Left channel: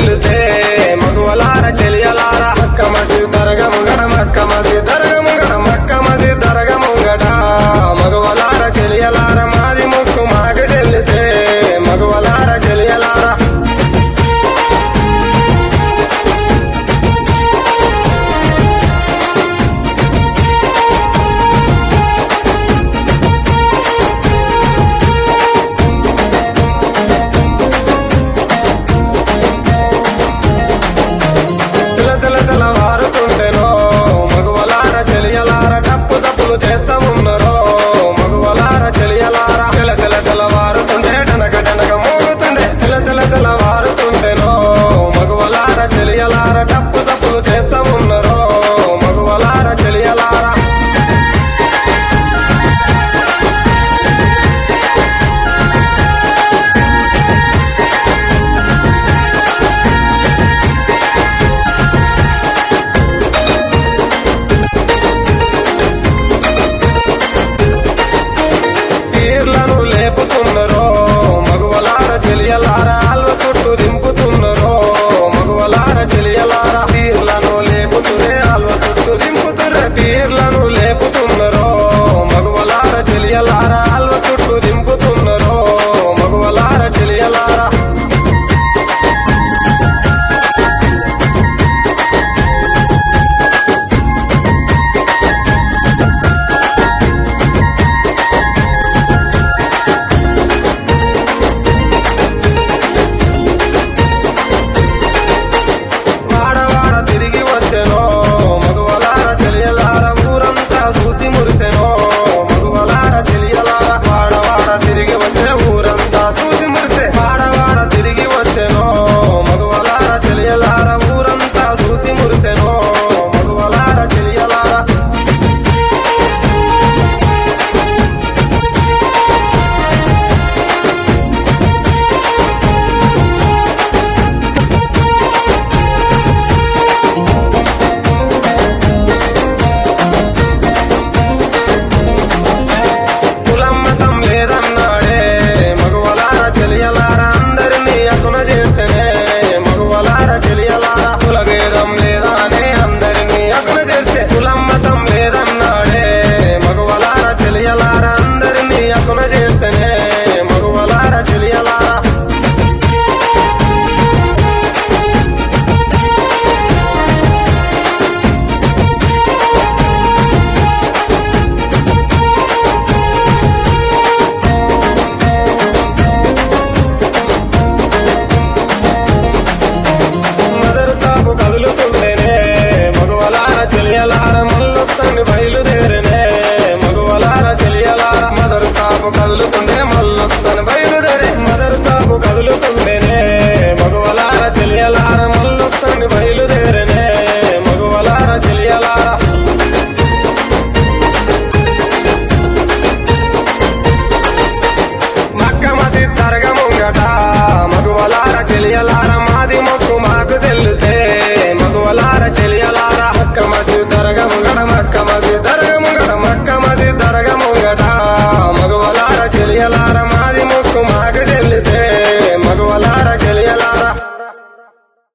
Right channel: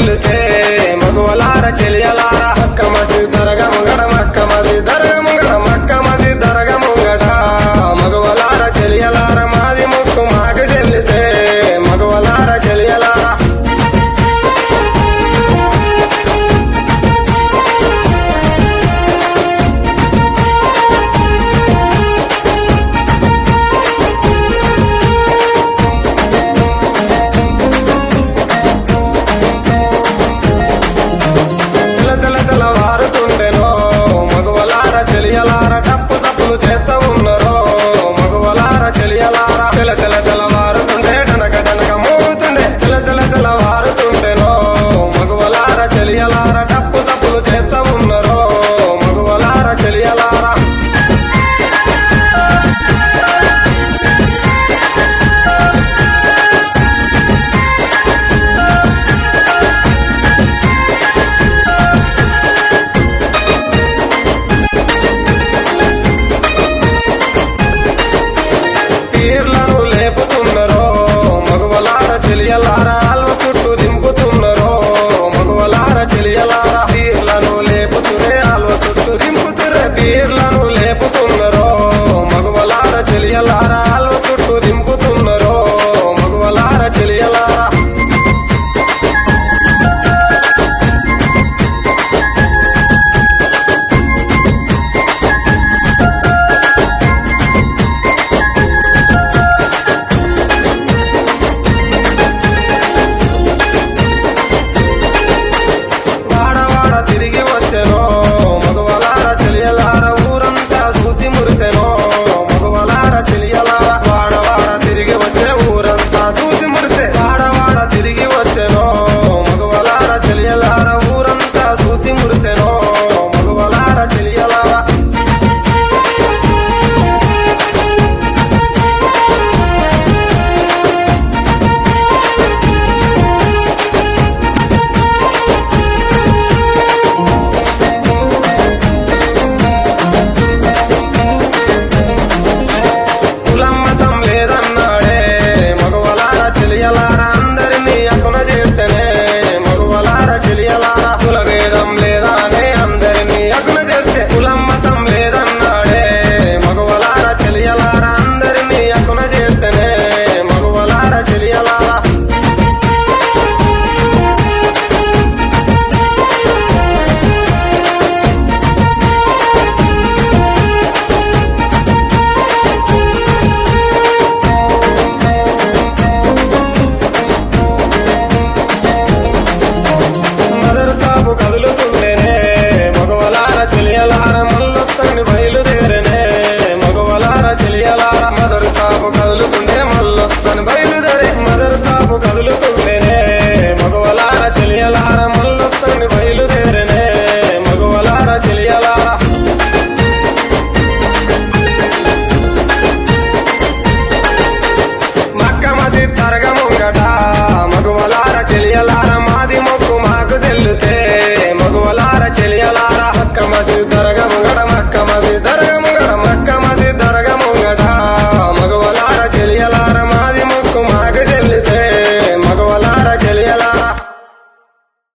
చెల్లితే మగువలార చెలియలార మక్క మసీద్ దర్గా ముంగడ మక్క మసీద్ దర్గా ముంగడ మక్క మసీద్ దర్గా ముంగట మగువలార చెలియలార మాది ముక్కు మాకు చెల్లితే మగువలార చెలియలార తెల్లవారుతుండెనో మగువలార చెలియలార టప్పు సప్పులు చేస్తా ఉన్నరో మగువలార చెలియలార తెల్లవారుతుండే టనక టనక మోగుతుండే తెల్లవారుతుండెనో మగువలార చెలియలార టప్పు సప్పులు చేస్తా ఉన్నరో మగువలార చెలియలార పీర్లను లేపుతున్నరో మగువలార చెలియలార అల్వ చుట్టూ దింపుతున్నరో మగువలార చెలియలార పీర్లను లేపుతురే అల్వ చుట్టూ దింపుతురే పీర్లను లేపుతున్నరో మగువలార చెలియలార అల్వ చుట్టూ దింపుతున్నరో మగువలార చెలియలార తిరిగి వచ్చెనో మగువలార చెలియలార ఊరంతా చూసి మురిసెనో మగువలార చెలియలార వాడవాడ తిరిగి వచ్చే ఊరంతా చూసి మురిసే వాడవాడ తిరిగి వచ్చెనో మగువలార చెలియలార ఊరంతా చూసి మురిసెనో మగువలార చెలియలార కులమ్మతం లేదన్నాడే మగువలార చెలియలార అందరినీ అకున చేర్చనే మగువలార చెలియలార కులభేదం లేదానే అందరినీ అకున చేర్చే కులమ్మతం లేదన్నాడే మగువలార చెలియలార అందరినీ అకున చేర్చనే మగువలార చెలియలార మదర్సాపు కదులుతుండేనే మగువలార చెలియలార మల్లొస్తని బయలుదేరనే మగువలార చెలియలార మదర్సాపు కదులుతుండే మల్లొస్తని బయలుదేరే మదర్సాపు కదులుతుండేనే మగువలార చెలియలార మల్లొస్తని బయలుదేరనే మగువలార చెలియలార మక్క మసీద్ దర్గా ముంగట మగువలార చెలియలార మాది మొక్కు మాకు చెల్లితే మగువలార చెలియలార మక్క మసీద్ దర్గా ముంగట మక్క మసీద్ దర్గా ముంగట మక్క మసీద్ దర్గా ముంగట మగువలార చెలియలార మాది మొక్కు మాకు చెల్లితే మగువలార చెలియలార